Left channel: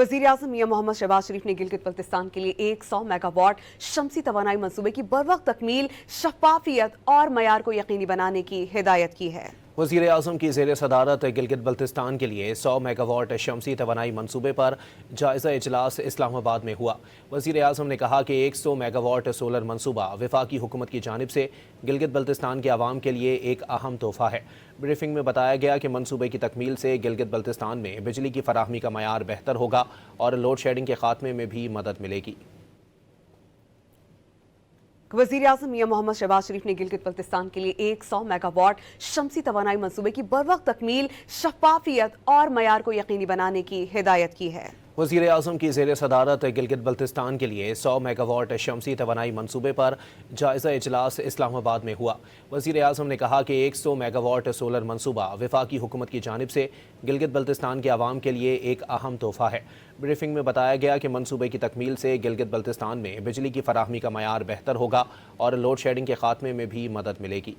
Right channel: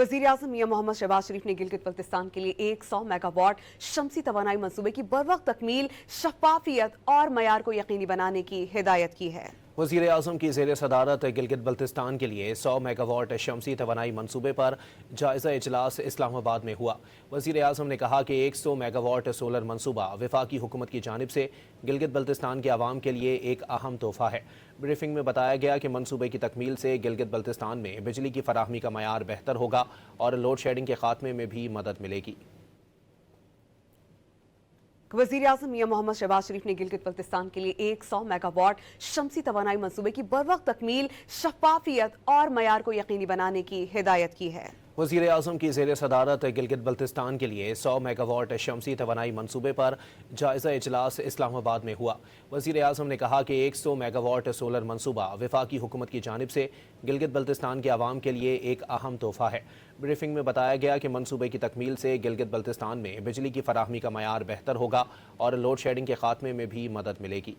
वज़ीर आज़म मियां मोहम्मद शहबाज शरीफ ने गिलगित बल्तिस्तान के लिए 100 मेगावाट शमसी तवानाई मंसूबे की बरवक्त तकमील, शफाफियत और मयार को यकीनी बनाने की हिदायत की है। वज़ीर आज़म की ज़ेर सदारत गिलगित बल्तिस्तान के लिए 100 मेगावाट शमसी तवानाई मंसूबे पर जायज़ा इजलास इस्लामाबाद में हुआ। वज़ीर आज़म ने कहा कि 100 मेगावाट सोलर मंसूबा वफाकी हुकूमत की जानिब से गिलगित बल्तिस्तान के आवाम के लिए एक अहम तोहफ़ा है। ब्रीफिंग में बताया गया कि मंसूबे की तकमील से गिलगित बल्तिस्तान में बिजली की फराहमी का मयार बेहतर होगा और लोड शेडिंग के खात्मे में भी मदद मिलेगी। वज़ीर आज़म मियां मोहम्मद शहबाज शरीफ ने गिलगित बल्तिस्तान के लिए 100 मेगावाट शमसी तवानाई मंसूबे की बरवक्त तकमील, शफाफियत और मयार को यकीनी बनाने की हिदायत की है। वज़ीर आज़म की ज़ेर सदारत गिलगित बल्तिस्तान के लिए 100 मेगावाट शमसी तवानाई मंसूबे पर जायज़ा इजलास इस्लामाबाद में हुआ। वज़ीर आज़म ने कहा कि 100 मेगावाट सोलर मंसूबा वफाकी हुकूमत की जानिब से गिलगित बल्तिस्तान के आवाम के लिए एक अहम तोहफ़ा है। ब्रीफिंग में बताया गया कि मंसूबे की तकमील से गिलगित बल्तिस्तान में बिजली की फराहमी का मयार बेहतर होगा और लोड शेडिंग के खात्मे में भी मदद मिलेगी।